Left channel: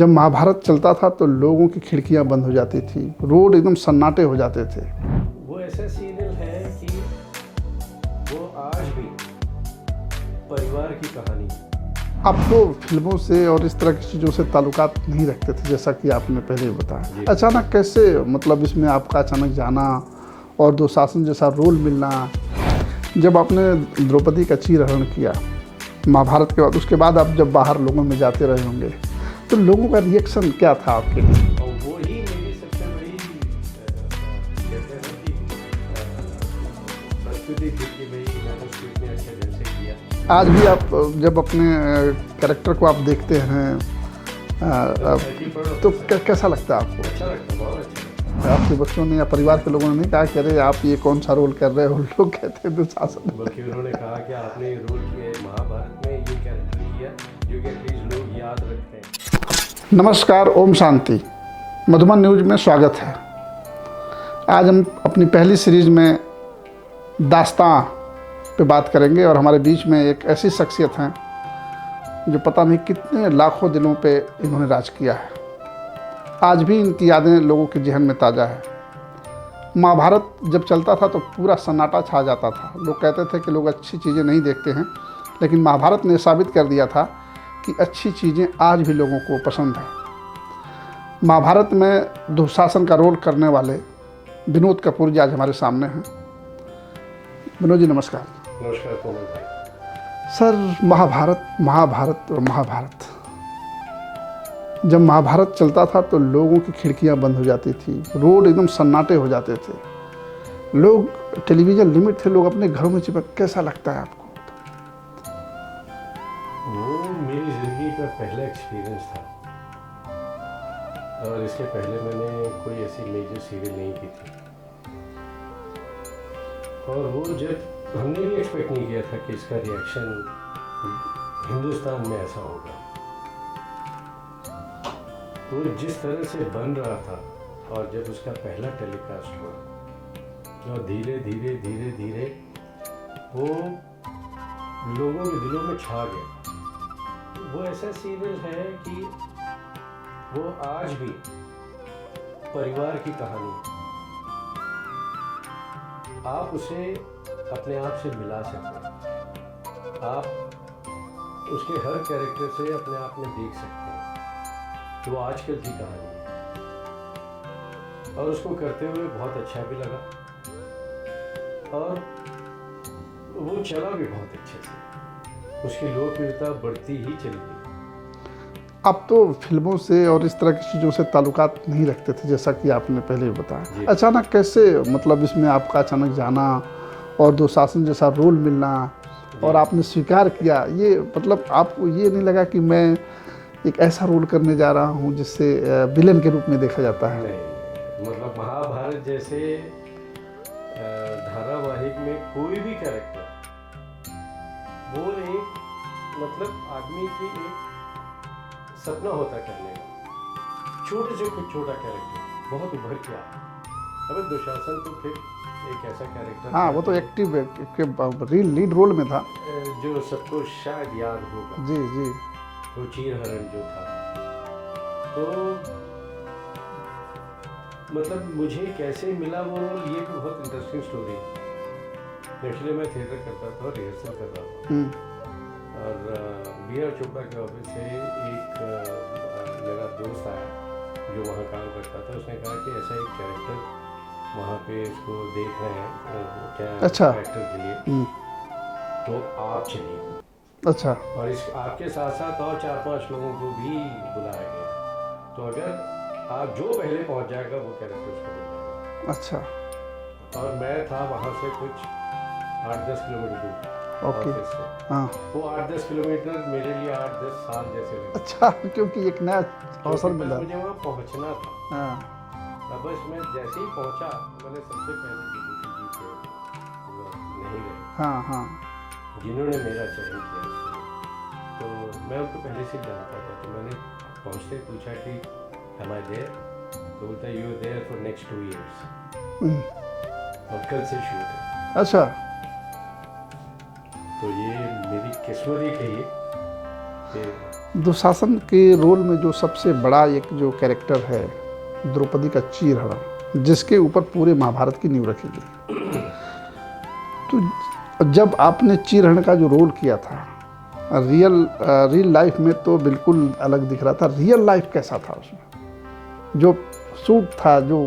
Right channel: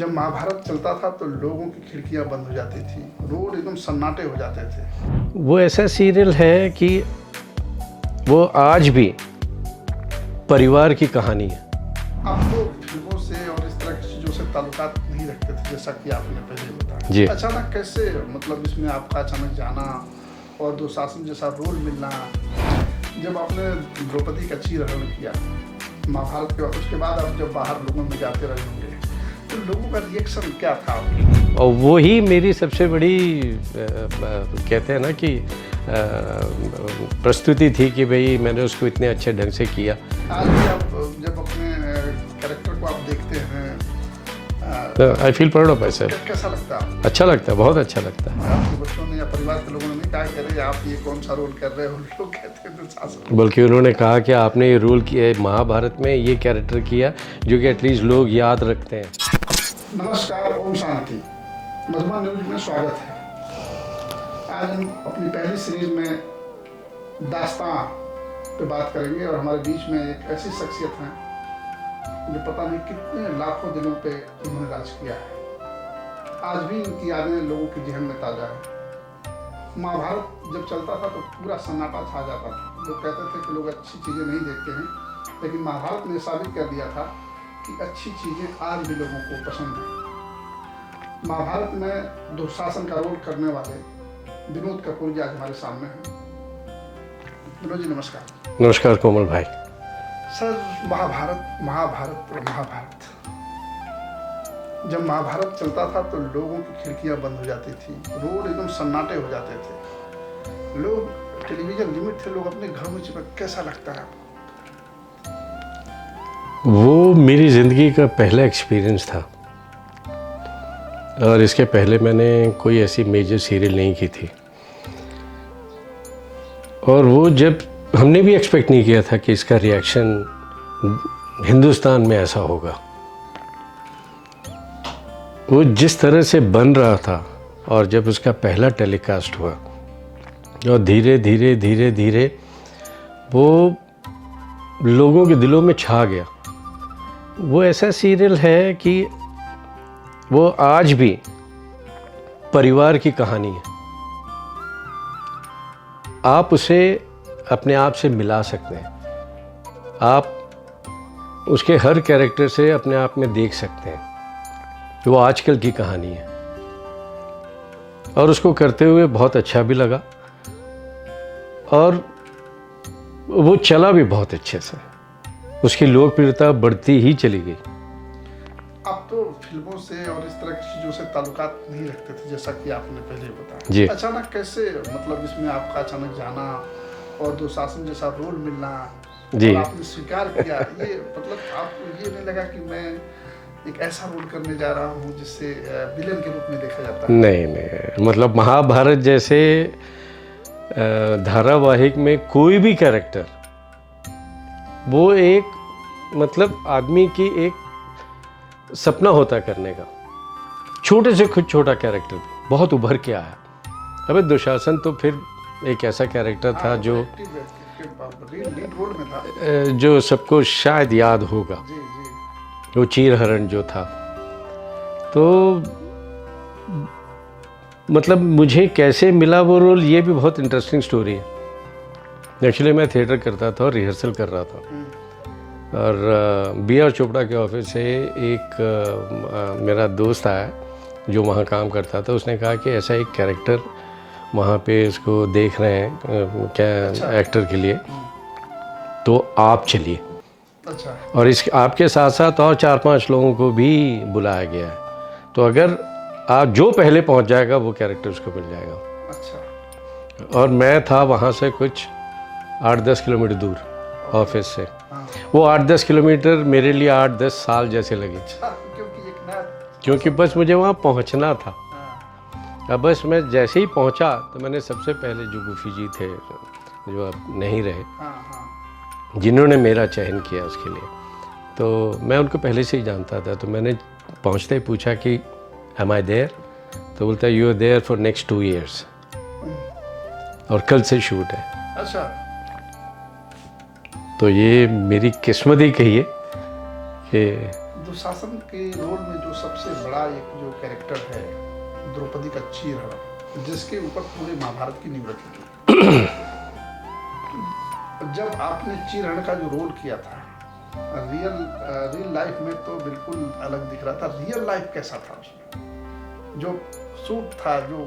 जब महाभारत चलता था तो लोगों की खिड़कियां बंद हो जाती थी, रोड एकदम सन्नाटे हो जाते थे। वो ऐसा सीरियल है कि वो आज भी परिवार की कहानी है। आप तो फिल्मों से और इस तरह की चीज़ों से ताल्लुकात नहीं रखते थे, जैसा कि आपने पहले ही बताया। अचानक कैसे मतलब इसमें आपका अचानक जाना और दुशासन जैसा रोल मिलना, जब आपने द्रौपदी का चीरहरण किया महाभारत के बाद, उसके बाद आप जब बाहर लोगों में जाते रहे होंगे तो लोगों का रिएक्शन क्या था आपके? और वही मेरी सबसे बड़ी कहते हैं ना कि प्रस्तुति थी कि भाई मैंने उसको इतने अच्छे ढंग से किया। आज भी आप जब अपने कैरेक्टर को आप देखते हैं आई फील प्राउड ऑफ तो कैसा लगता है आपको? अच्छा लगता है, बहुत अच्छा लगता है। आपके बच्चों ने या परिवार के लोगों ने नहीं कहा कि अरे आप ये कौन सा रोल कर रहे हो? लोग कहते हैं दुशासन। बल्कि उन्होंने कहा कि आपने ये रोल किया, महाभारत में ये कैरेक्टर किया जो कि एटलीस्ट लोग याद रखते हैं। नमस्कार, ओम शांति। मधुबन न्यूज में स्वागत है। आज हम अपनी पहली सीरीज में दास्तां पे बात करेंगे और हमारे बीच में एक ऐसी शख्सियत हैं जो पता नहीं कितने लाखों दिलों पे इन्होंने राज किया है। आज भी इनकी यादें लोगों के जहन में ताज़ा है। महाभारत जब चलता था तो पूरा सन्नाटा छा जाता था। लोग कहते थे कि लोग अच्छी चीज़ें नहीं देखते हैं, लेकिन महाभारत ने साबित कर दिया था कि अच्छी चीज़ें आज भी लोगों को पसंद हैं। महाभारत में दुशासन का रोल करने वाले विनोद कपूर जी आज हमारे सामने हैं। विनोद जी नमस्कार। नमस्कार कोमल भाई। सर, महाभारत और महाभारत, जब महाभारत चलता था तो लोगों की खिड़कियां बंद हो जाती थी, रोड एकदम सन्नाटे हो जाते थे, लोग टेलीविज़न लिमिट थे, लोग अपने घरों में चिपक। कैसा लगता है आपको? वो मेरी ज़िंदगी का पहला एक्सपीरियंस था और इसके पहले मैंने कोई ऐसी मेजर सीरियल नहीं की थी। और वो जब हमने भी एक्सपेक्ट नहीं किया था कि इसका रिएक्शन हिंदुस्तान में ऐसा होगा। वो जिस तरह से बन रहा था और जब उसका पहला टेलीकास्ट हुआ और धीरे धीरे धीरे धीरे वो लोगों के दिलों में छा गया। वो ऐसा सीरियल है कि वो आज भी परिवार की कहानी है। आप उसे अपने आप से मिला सकते हैं। आप उसके हर कैरेक्टर से अपने आप में देख सकते हैं कि वो आजकल की कहानी है। और उसको करते हुए बहुत अच्छा भी लगा और वो चला भी बहुत अच्छे से। उसकी लोकप्रियता बढ़ती ही चली गई। आप तो फिल्मों से और इस तरह की चीज़ों से ताल्लुकात नहीं रखते थे, जैसा कि आपने पहले ही बताया। अचानक कैसे मतलब इसमें आपका अचानक जाना और दुशासन जैसा रोल मिलना और आपने स्वीकार किया, ये मतलब आपको ये नहीं लगा कि मैं एक ऐसा रोल करने जा रहा हूँ जिससे विलेन के रूप में देखा जाता है? नहीं, मतलब महाभारत जैसे धारावाहिक में कोई भी कैरेक्टर, वो एक मतलब आदमी की एक सपना होता करने का। छोटे से खुद छोटा कैरेक्टर बहुत उभर के आया। अबे दुशासन तो फिर एक ऐसा कैरेक्टर था जो लीड रोल में था, जो सबको शायद याद होगा। जी जी। वो चीरहरण जो था, तो मतलब मुझे कैसे मिला वो रोल, ये भी बहुत इंटरेस्टिंग स्टोरी है। एक्चुअली मैं थिएटर करता था और रिहर्सल कर रहा था और B.R. चोपड़ा के ऑफिस से एक मेरा दोस्त आया जो वहाँ काम करता था। उसने कहा कि ऐसा एक कैरेक्टर वहाँ पे इसको देख रहे हैं क्या एक्टर के लिए, तो आप चलिए। अच्छा। और इस आपके साथ साथ और 4-5 लोगों को भी बुलाया गया है, तो अगर आप जो पहले पहुँच जाएगा वो कैरेक्टर उसको मिल जाएगा। अच्छा। और मैं था वहाँ से कुछ 8-10 किलोमीटर दूर ऑफिस से। वो 8-10 किलोमीटर मेरे लिए 8-10 साल जैसे लगे। अच्छा, क्योंकि एक नया, क्योंकि बस मुझे वहाँ पहुँचना था। अब बस मैं जैसे ही पहुँचा तो मैंने सबसे पहले जो गुफी जी थे, जो अब नहीं रहे, जिन्होंने मेरा चयन किया उसके लिए, तो मैं उनको पहले से ही जानता था। तो मैंने पहुँचते ही पूछा कि am I there? तो बोलता है you are there for next 2 years और कल से शूट है। अच्छा। तो ये मेरी किस्मत ही कहिए दुशासन के रोल में जो सबसे बड़ा एक जो कैरेक्टर है द्रौपदी का चीरहरण, जिसके ऊपर पूरे महाभारत की नींव रखी गई। तो जब आपने चीरहरण का जो रोल किया था, रियल लाइफ में तो बिल्कुल अलग दिख रहा था, रियल लाइफ कैसा था उसमें? जो शूट था जो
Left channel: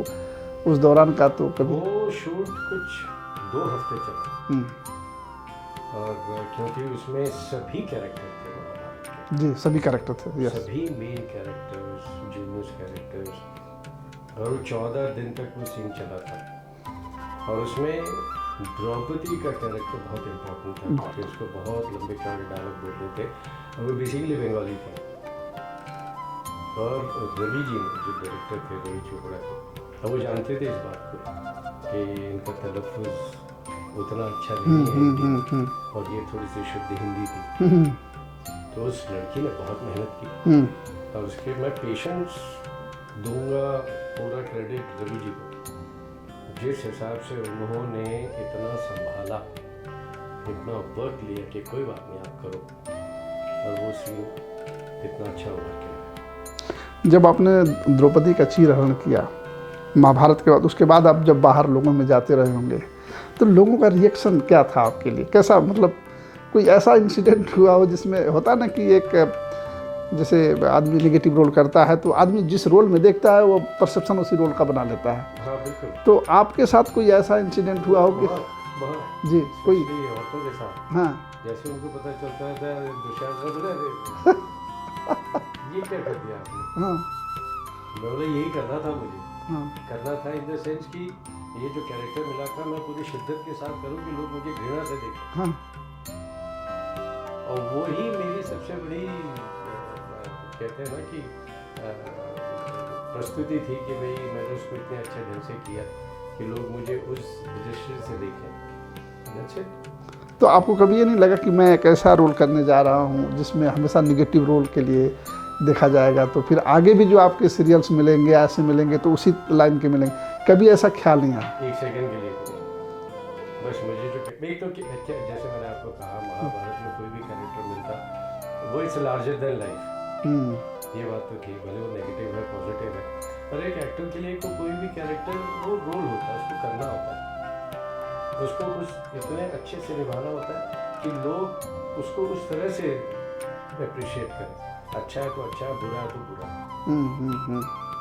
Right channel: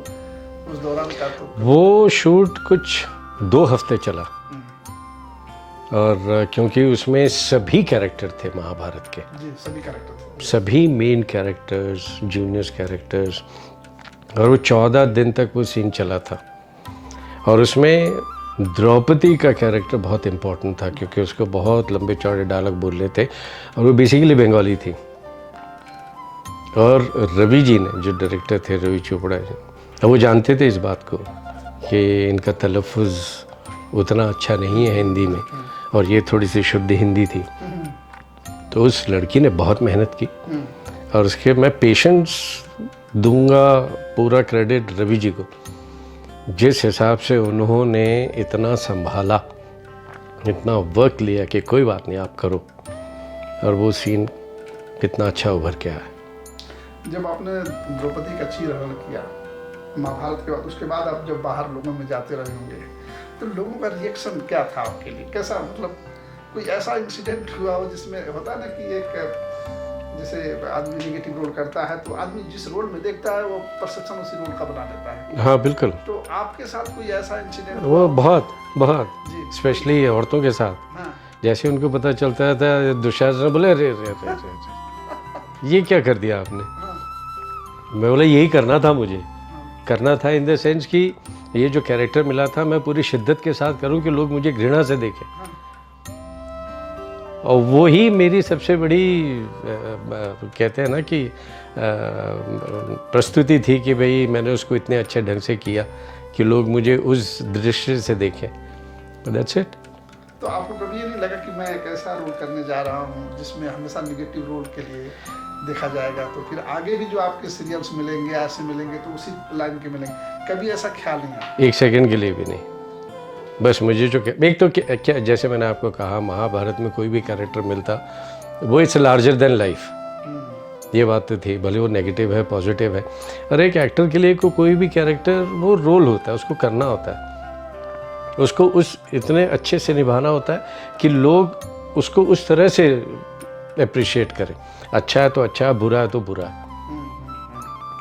उस दौरान का, तो वो शूट कुछ 2 हफ्ते चला। और क्योंकि उसमें सभी कैरेक्टर थे महाभारत के, जी सभी कैरेक्टर थे, सभी मेन कैरेक्टर्स, जूनियर कैरेक्टर्स, और वो 14 दिन तक वो सीन चला था। और उसमें द्रौपदी का कैरेक्टर बहुत इम्पोर्टेंट था क्योंकि उसको बहुत लंबे चौड़े डायलॉग बोलने थे और वो बेसिकली बंगाली थी। और रवि जी ने, जो डायरेक्टर थे रवि चोपड़ा जी, वो जानते थे इस बात को कि इनका तलफ़ुज़ उतना अच्छा नहीं है हिंदी में, और ये थोड़ी सी शुद्ध हिंदी थी। तो उस लड़की ने बहुत मेहनत की, और उसके मैं पेशेंस दूंगा पूरा क्रेडिट रवि जी को। जिस हिसाब से उन्होंने इतना संभाला, इतना वर्क लिया कि कोई बात नहीं आप करो, और वो सीन कितना अच्छा उभर के आया। जब आपने द्रौपदी का चीरहरण किया महाभारत के बाद, उसके बाद आप जब बाहर लोगों में जाते रहे होंगे, तो लोगों का रिएक्शन क्या था आपके लिए? कैसा, मतलब कोई ऐसा इंसिडेंट हुआ हो जिसमें होता ना कि एक, जैसे आदमी नेगेटिव रोल करता है तो आदमी जिस रोल में देखता है वो परसेप्शन उसी रोल का बना लेता है। हाँ बिल्कुल। तो आपके साथ कोई ऐसा इंसिडेंट हुआ? बहुत जी, स्पेशली औरतों के साथ। हाँ। जैसे उनको पता चलता था, दुशासन बोले रे रे, रे, रे, ये क्या कर दिया आपने? हाँ। मैं बोला यही करना था मुझे। हाँ। करना था इन द सेंस कि ये जो कैरेक्टर मिला था मैं पूरी शिद्दत के साथ करूं कि लोग मुझे घृणा से देखें। हाँ। और वो ही मेरी सबसे बड़ी कहते हैं ना कि प्रस्तुति थी कि भाई मैंने उसको इतने अच्छे ढंग से किया कि लोग मुझे उस दृष्टि से देखें। That's it. तो आपको कभी ये नहीं लगा कि मैं एक ऐसा रोल करने जा रहा हूँ जिसमें हमेशा निगेटिव रोल के लिए देखा जाएगा, तो फिर आगे भी जो आपके सीरियल्स मिलेंगे, ऐसे मिलेंगे तो उसी लाइन के मिलेंगे? कभी ऐसा ख्याल नहीं आया? एक सेकंड के लिए भी नहीं। बस मुझे जो एक तो क्या, जैसे मैंने आपको कहा, महाभारत में कोई भी कैरेक्टर मिलता वो इट्स लार्जर देन लाइफ। ये बात तो थी, भले वो नेगेटिव है पॉजिटिव है, और एक एक्टर के लिए कोई भी कैरेक्टर वो रोल होता है, उसको करना होता है, उसको उस इतने अच्छे से निभाना होता है कि लोग उसको उस तरह से अप्रिशिएट करें। अच्छा है तो अच्छा, बुरा है तो बुरा।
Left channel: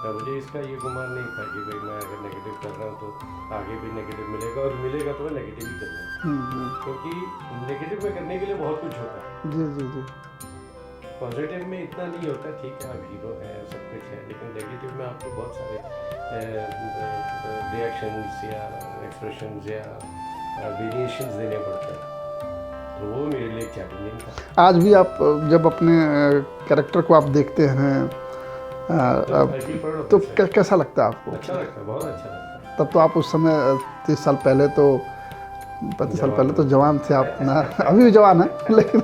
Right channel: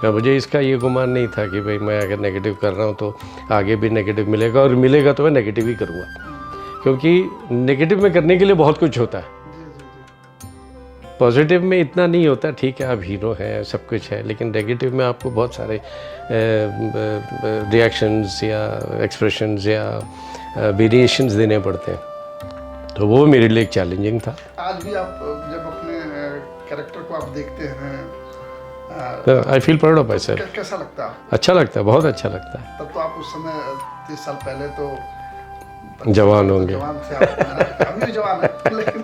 तो मुझे इसका ये गुमान नहीं था कि भाई मैं अगर नेगेटिव कर रहा हूँ तो आगे भी नेगेटिव मिलेगा, और मिलेगा तो मैं नेगेटिव ही करूँगा, क्योंकि नेगेटिव में करने के लिए बहुत कुछ होता है। पॉजिटिव में इतना नहीं होता। ठीक है, आप हीरो हैं, सब कुछ है, लेकिन नेगेटिव में आपको बहुत सारे रिएक्शंस या एक्सप्रेशंस या वेरिएशंस देने पड़ते हैं, तो वो मेरे लिए एक चैलेंजिंग था। आज भी आप जब अपने कैरेक्टर को आप देखते हैं, I feel proud of my self. कैसा लगता है आपको? अच्छा लगता है, बहुत अच्छा लगता है। तब तो आप उस समय 30 साल पहले तो जवान तो जवान थे आप। अभी भी जवान है, लेकिन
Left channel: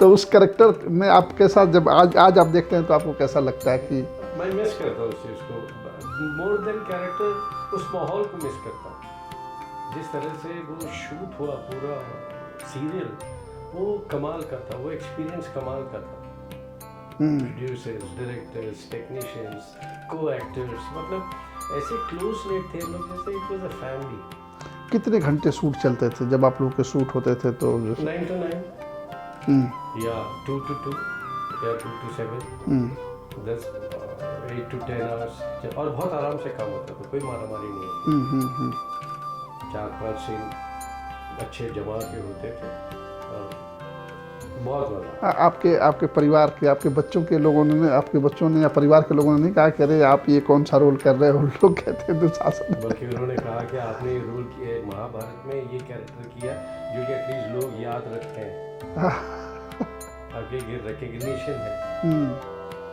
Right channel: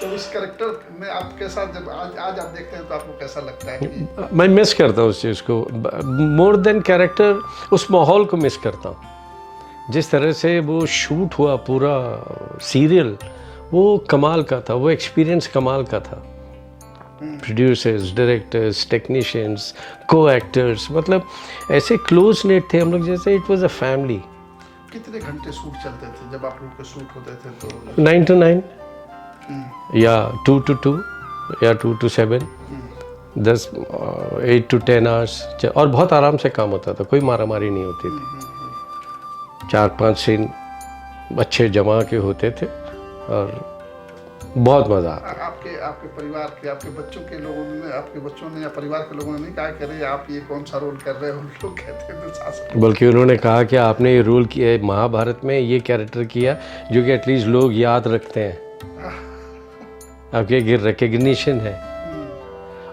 तो उस कैरेक्टर में आपके साथ जब आज आप देखते हैं तो आपको कैसा लगता है? कि मैं मिस करता हूँ उस चीज़ को, मोर देन कैरेक्टर, उस माहौल को मिस करता हूँ। जिस तरह से वो शूट हुआ पूरा सीरियल, वो कमाल का था, वो एक्सपीरियंस कमाल का था। प्रोड्यूसर्स, डायरेक्टर्स, टेक्नीशियंस, को एक्टर्स, मतलब ऐसे क्लोज नेट थे हम लोग, जैसे इट वाज अ फैमिली। कितने घंटे शूट चलते थे जब आप लोगों के शूट होते थे? तो 9 to 9 या 2 to 2 या 2 to 7, 8 to 10 आवर्स, और बहुत आराम से काम होता था, कोई मारामारी नहीं होती थी। 4-5 सीन अच्छे जमा के होते थे और बहुत मज़ा। आपके परिवार के, आपके बच्चों के लोगों ने, आपके बच्चों ने या परिवार के लोगों ने नहीं कहा कि अरे आप ये कौन सा रोल कर रहे हो? लोग कहते हैं दुशासन। बल्कि उन्होंने कहा कि आपने ये रोल किया, महाभारत में ये कैरेक्टर किया जो कि एटलीस्ट लोग याद रखते हैं, आपके रिकग्निशन है।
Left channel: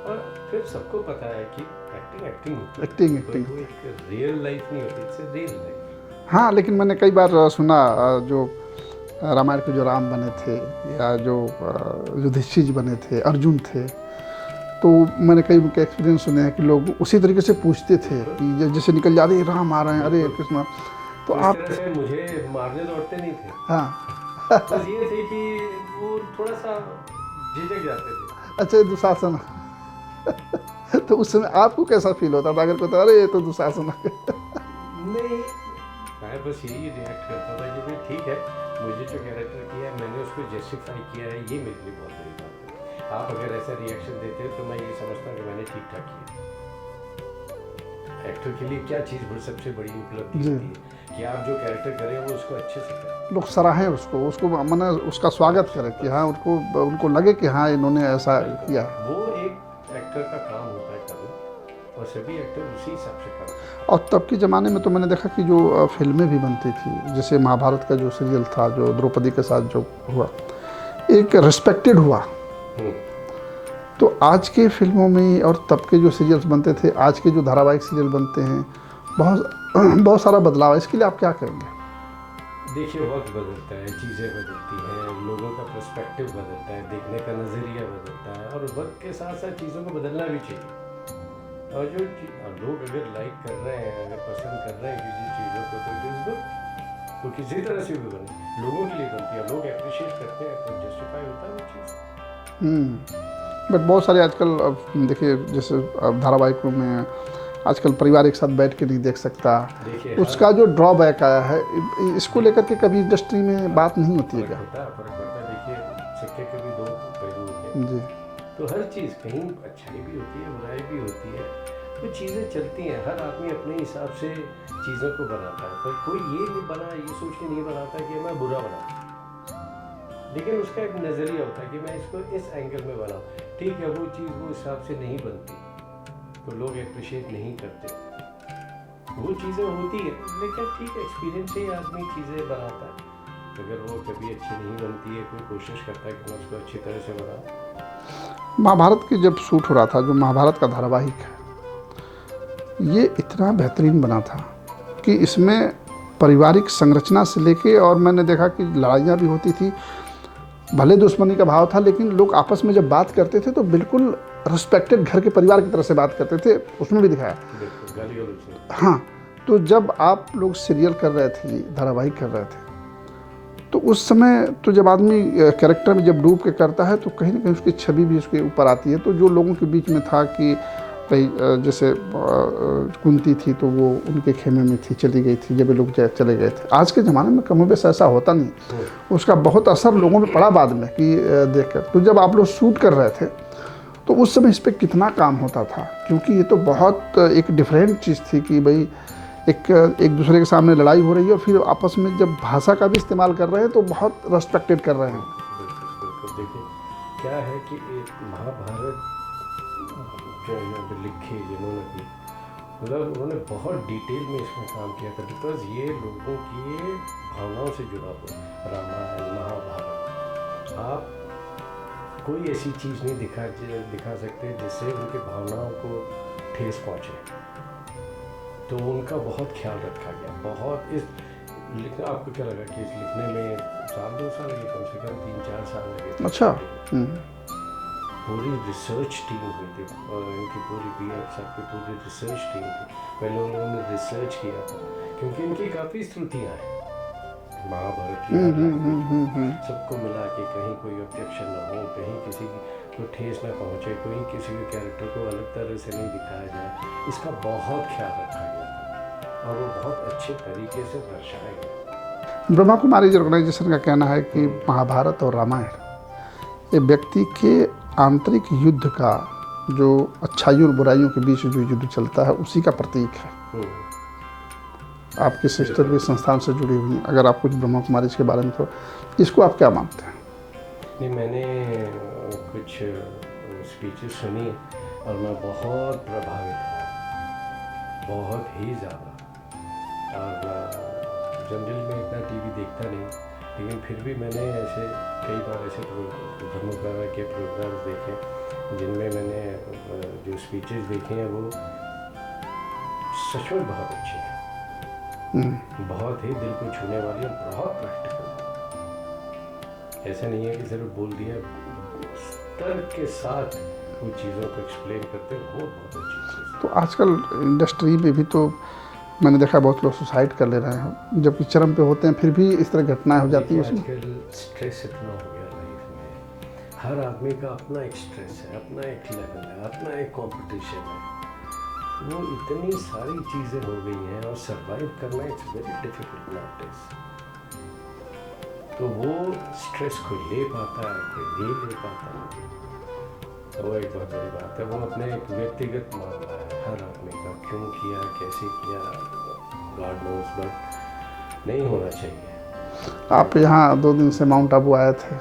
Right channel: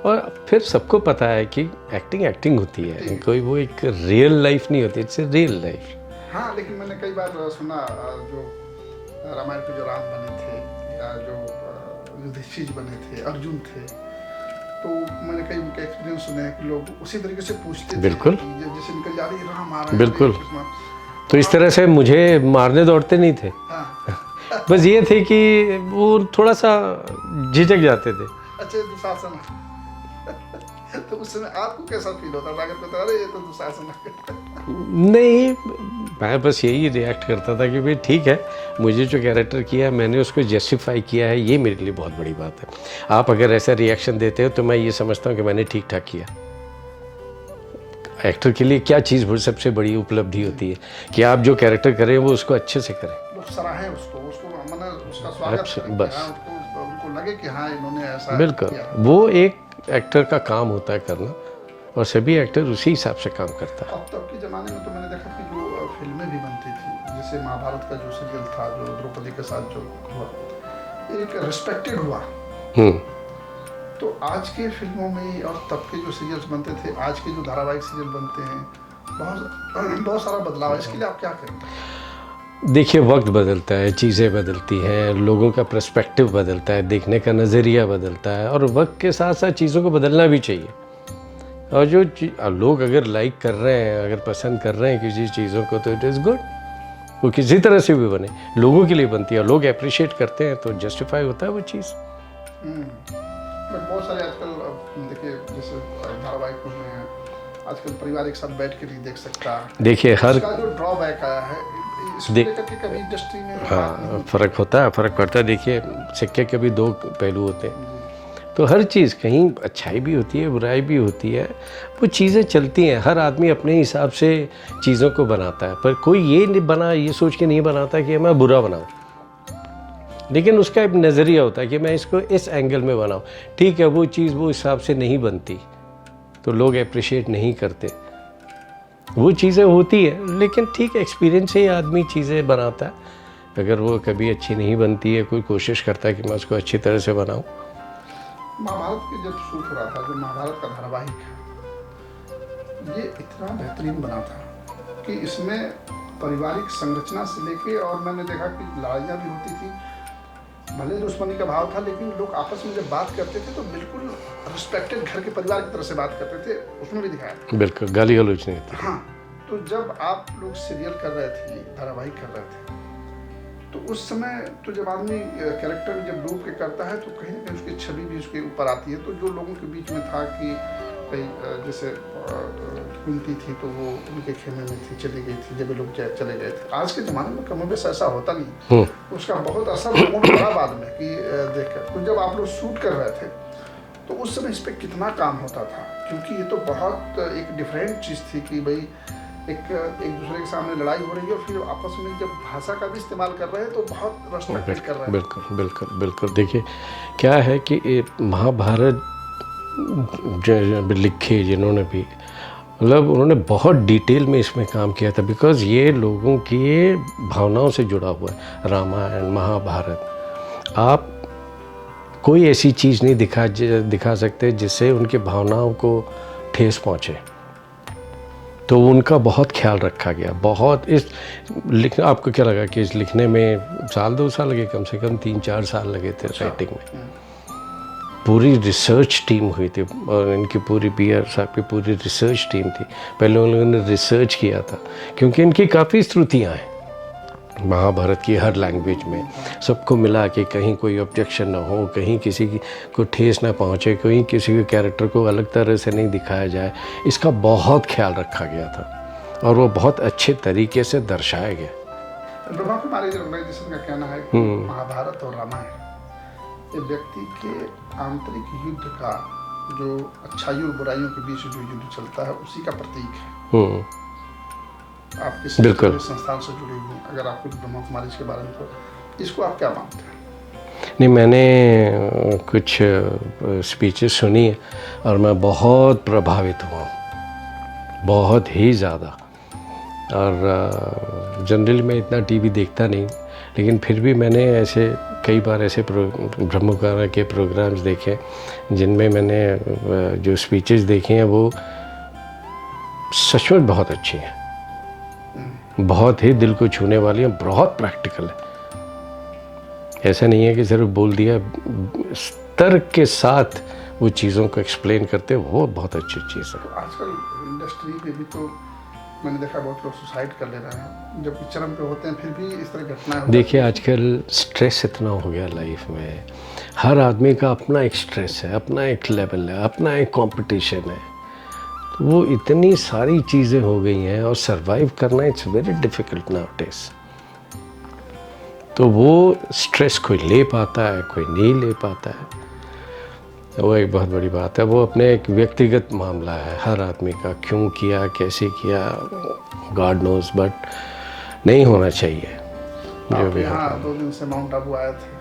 और फिर सबको पता है कि एक्टिंग होती है, कोई वो एक रियल लाइफ नहीं होती, इट्स ए रियल लाइफ। हाँ, लेकिन मैंने कई बार सुना जो रामायण के जो राम बने थे या जो युधिष्ठिर जी बने थे, अर्जुन थे, तो मैंने कई उनके एक्सपीरियंस सुने हैं कि लोग उसी तरीके से पूछते थे कि जैसे निकल जाते राम आ रहे हैं, बिल्कुल। तो इस तरह से मुझे मारने दौड़ते नहीं थे। हाँ। बस ये थे कि वो थोड़ा सा झिझक जाते थे। अच्छा, ये दुशासन तो उस समय आपको कैसा फील होता था अगर कोई तो अरे ये तो दुशासन है? नहीं, मैं बस यही रिएक्ट करता था कि भाई ठीक है, मुझे जो कैरेक्टर किया है मैंने उसको जस्टिफाई किया है, ये मेरे लिए बहुत बड़ी बात है। आप अगर ऐसा रिएक्शन देते हो तो मैं ये समझता हूँ कि मैंने ठीक ठाक किया। एक्टर के लिए क्या चीज़ सबसे बड़ी उपलब्धि होती है कि आप जो कैरेक्टर करें वो उसको अच्छे से करें, लोग सराहें उसको मैंने उसका स्वागत करें कि हाँ उनको लगे कि हाँ इन्होंने ऐसा किया। वो एक एक्टर का काम होता है करना, और सभी एक्टर उसी हिसाब से काम करता है। और तब के ज़माने में तो मैंने देखा कि जो फिल्में भी बनती थी, जैसे महाभारत का जो सीरियल था जो द्रौपदी के साथ जो हुआ, एक रिस्पेक्टेड हुआ। तो आज के फिल्मों में और तब के जो सीरियल्स बनते थे, आज के जो धारावाहिक सीरियल बनते हैं, बहुत सारा बदलाव है। इसके लिए आप क्या करेंगे? देखिए, वक्त बदलता है, चीज़ें बदलती हैं, लोगों का पर्सपेक्टिव बदलता है, देखने का नज़रिया बदलता है, और वक्त के साथ साथ चीज़ों को बदलना भी चाहिए। और जो लोग अगर लाइक कर रहे हैं, अगर पसंद कर रहे हैं किसी चीज़ों को, तो इट इज़ गुड। वो किसी तरह से भी बने, लोगों के लिए बनती है, लोग अप्रिशिएट करते हैं तो जस्टिफाई होता है वो चीज़। बट बहुत सारे आजकल देखिए, जैसे धारावाहिकों में आजकल परिवार एक साथ बैठ के नहीं देख सकता। देखिए, उसका जो ड्रॉबैक आया है, इसको लेकर के कभी इंडस्ट्री में बात नहीं होती। फ़र्क होता है, फ़र्क पड़ता है। देखिए, सिक्के के भी दो पहलू होते हैं, तो हर चीज़ कहीं अच्छाई भी होती है, बुराई भी होती है, वो चीज़ें चलती हैं। हर आदमी अपने हिसाब से चीज़ों को बनाता है, पर कोई ये सोच के नहीं बनाता कि मैं बुरा बनाऊँ, लेकिन उसका एक नज़रिया होता है कि मैं इसको इस एंगल में बनाऊँ। ठीक है, वो चीज़ वो हिसाब से नहीं बनती तो लोग अप्रिशिएट नहीं करते, वो चीज़ें होती है, लेकिन ठीक एक्सपीरियंस से ही आदमी चीज़ें बनाता है। अगर वो कभी अच्छी नहीं बनती है, कोई कोशिश करता है कि मैं उसको अच्छी तरह से बनाऊँ। महाभारत की जब शूट हो रहा था, जो महाभारत का धारावाहिक है, ये इतना बेहतरीन बना था कि इसमें पारिवारिक संरचना से लेके, और मैंने देखा कि लड़ाइयाँ भी होती थी, भले दुश्मनी का भाव था, लेकिन लोग आपस में जब बात करते थे तो बिल्कुल रिस्पेक्टेड घर के परिवार की तरह से बात करते थे। उसमें भी दिखाया, बिल्कुल गाली गलौज नहीं। हाँ, तो जब आप लोग सीरियल कर रहे थे, धारावाहिक कर रहे थे, तो उस समय तो जब आदमी कैरेक्टर में जब डूब के करता है तो कहीं ना कहीं उसकी छवि भी उसके ऊपर आती है। तो जो लोगों के बीच में था कि कहीं जैसे कुंती थी तो वो उनके खेमे में थी, चली गई थी, जब लोग चले गए थे। आज के ज़माने में कमोबेश ऐसा होता नहीं, उसका बहुत असर लोगों पे पड़ा बाद में कि देखकर। तो जब आप लोग शूट कर रहे थे तो उस समय इस पर कितना काम होता था, क्योंकि ये तो बहुत एक डिफरेंट चीज़ थी कि भाई एक दूसरे के सामने लड़ाई हो रही है और फिर आपस में जब भाषा का भी इस्तेमाल कर रहे हैं तो बहुत रेस्पेक्टेड कर रहे हैं। बिल्कुल बिल्कुल बिल्कुल। देखिए, क्या है कि महाभारत लिखे जिन्होंने भी, मतलब उन्होंने बहुत डिटेल में इसमें काम किया था, बिकॉज़ ये लोगों की भावनाओं से जुड़ा हुआ है। रामायण, महाभारत, आप कोई ऐसी चीज़ नहीं दिखा सकते जिससे उनकी भावनाओं को ठेस पहुँचे। तो उनका बहुत ख्याल रखा गया, बहुत। आपको क्या लगा कि इस लिखने में 1-2 साल लगे? कम से कम 3-4 साल लगे थे स्टार्टिंग में। पूरी रिसर्च टीम हुई थी, और इनकी पूरी PR साहब की पूरी रिसर्च टीम थी। पहले उन लोगों ने रिसर्च किया था, क्योंकि इनकी काफ़ी श्रुतियाँ हैं महाभारत की हर लैंग्वेज में। सबको मिला कि कहीं कोई ऑब्जेक्शन ना हो, कहीं किसी को ठेस ना पहुँचे, कहीं किसी के कैरेक्टर को अलग तरह से नहीं दिखाया जाए। इसका बहुत ख्याल रखा गया था और वो बहुत अच्छे तरीके से दर्शाया गया। ब्रह्मा कुमारी ऑर्गेनाइजेशन का कहना है कि महाभारत और रामायण ये व्यक्ति के आंतरिक युद्ध का, जो अच्छाई और बुराइयों के बीच जो युद्ध चलता है, उसी का प्रतीक है। आप किसी संस्थान से जुड़ी हुई, अगर आप कुछ ब्रह्मा कुमारी के बारे में, तो इसको आप क्या मानते हैं? नहीं, मैंने कुछ स्पीचेस सुनी है और मैं बहुत प्रभावित हुआ, बहुत ही ज़्यादा। और जनरली मैं इतना TV देखता नहीं, लेकिन फिर भी मैंने ऐसे कई बार ऐसे ब्रह्मा कुमारी के प्रोग्राम्स देखे जिनमें मैंने जो स्पीचेस देखे हैं वो सचमुच बहुत अच्छी हैं, बहुत ही दिल को छूने वाली है, बहुत प्रैक्टिकल है। ऐसा नहीं है कि सिर्फ बोल दिया, तर्क के साथ वो चीज़ों को एक्सप्लेन करते, वो बहुत अच्छी चीज़ है। तो आजकल इंडस्ट्री में भी तो मैंने देखा बहुत लोग सुसाइड कर ले रहे हैं, जबकि चरम पे होते हैं फिर भी इस तरह घटनाएं हो जाती हैं। देखिए आजकल स्ट्रेस इतना हो गया लाइफ में, हर आदमी का अपना एक स्ट्रेस है, अपना एक लेवल है, अपना एक कंपटीशन है। तो वो इतनी सारी चीज़ें हो गई हैं और सरवाइव करना इट्स वेरी डिफ़िकल्ट नाउअडेज़। तो वो स्ट्रेस कोई ले पाता है, कोई नहीं ले पाता है, तो वो एक बहुत बड़ी बात है। वो अपने एक व्यक्तिगत मामला है हर आदमी का, क्यों किया, कैसे किया, गॉड नोज, बट नहीं होना चाहिए। आप यहाँ 2 दिन से माउंट आबू आए थे,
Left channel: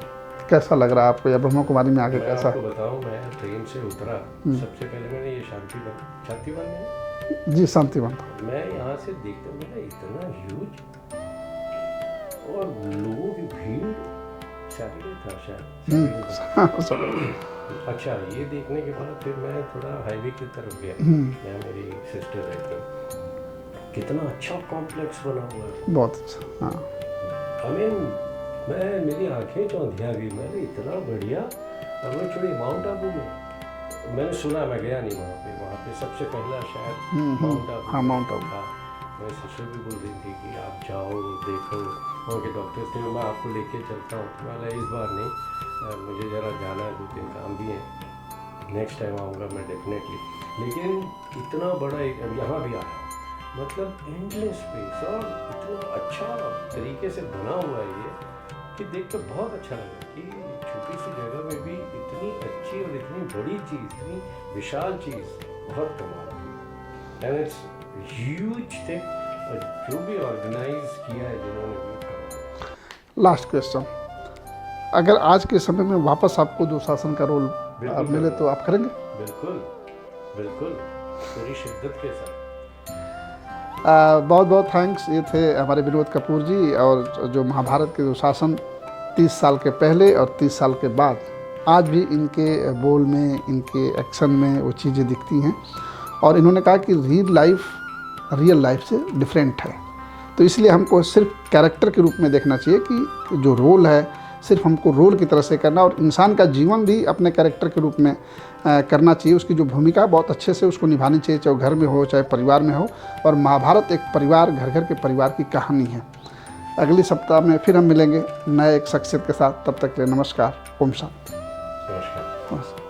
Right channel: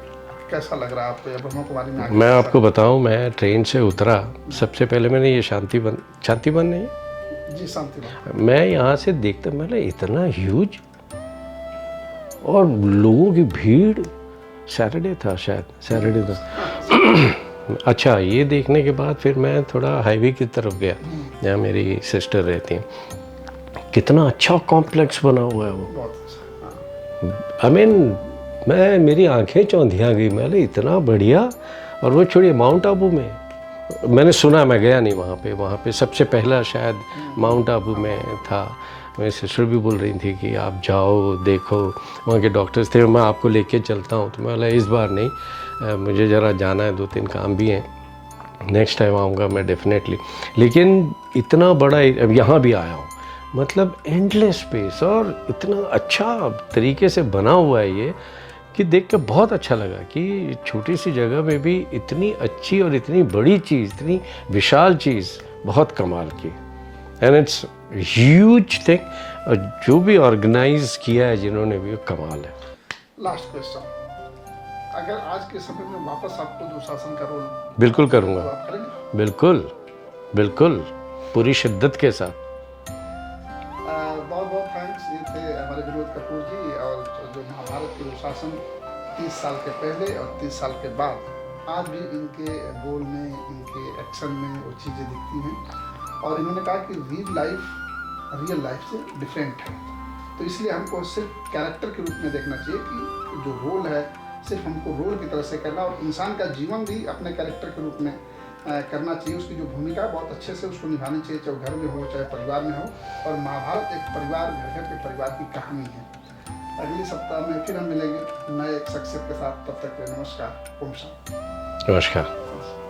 कैसा लग रहा है आपको या ब्रह्मा कुमारी में आगे? मैं आपको बताऊं, मैं ट्रेन से उतरा, सबसे पहले मैंने ये शांतिवन नहीं जी, शांतिवन, मैं यहाँ से देखता, मैंने इतना ह्यूज और लोगों की भीड़, सैटरडे था शायद, सैटरडे था। अच्छा, ये देखने के बाद फिर मैं थोड़ा हाईवे की तरफ गया जहाँ मेरी सिस्टर रहती हैं। कितना अच्छा कॉम्प्लेक्स बना हुआ है वो, बहुत अच्छा। आई मीन मेरी आंखें चौंधिया गई, मैंने इतना बढ़िया। और वो छोड़िए माउंट आबू में, मैंने सुना, मैं गया नहीं वहाँ पे सबसे पहला शायद माउंट आबू में था। मेरी सिस्टर भी बोल रही थी कि आप जाओ देखो, वहाँ के डॉक्टर्स थे, मैं आपको लेके चलता हूँ। तो मैं बोला इस बार नहीं, मुझे ज़रा जाना है, 2-3 काम भी हैं, नेक्स्ट टाइम आऊँगा मैं डेफिनेटली। लेकिन इतना बड़ा यहाँ भी आया हूँ, मतलब एंडलेस स्पेस और इतना अच्छा तरीके से बना हुआ है ये कि देख के बहुत अच्छा लगा कि छोटी सी जगह में भी इतनी अच्छी और इतनी बड़ी चीज़, इतनी विशाल चीज़, बहुत कमाल की। एंड इट्स ह्यूज थिंग, और जो भी ऑर्गेनाइज किया है जिन्होंने भी, कमाल है। लास्ट क्वेश्चन, अगर आज के समय में वापस आपको जो शासन का रोल बिल्कुल मिले करूँगा, तो आप करेंगे? बिल्कुल बिल्कुल, पूरी शिद्दत के साथ। बहुत बहुत थैंक्स। ये थे हमारे विनोद कपूर जी, और जो महाभारत के जो शासन 30 साल के पहले और 30 साल के बाद, आज भी इनके बोल में, इनके एक्शन में वो चीज़ें दिखती हैं। और इन्होंने कहा कि रियल लाइफ से डिफरेंट है, तो इसलिए हमको सिर्फ कैरेक्टर के रूप में देखना चाहिए कि जो रोल है सिर्फ हमको रोल की तरह से करना, और इंसान का जीवन भी अपने कैरेक्टर के रूप में करना चाहिए। उसकी जो भूमिका बहुत अच्छे से उसको निभानी चाहिए, चाहे घर में हो चाहे परिवार में हो। और महाभारत एक परिवार, घर घर के परिवार की कहानी है। अगले सप्ताह में फिर हम मिलेंगे नए एक शख्सियत के साथ। तब तक के लिए नमस्कार, ओम शांति। नमस्कार।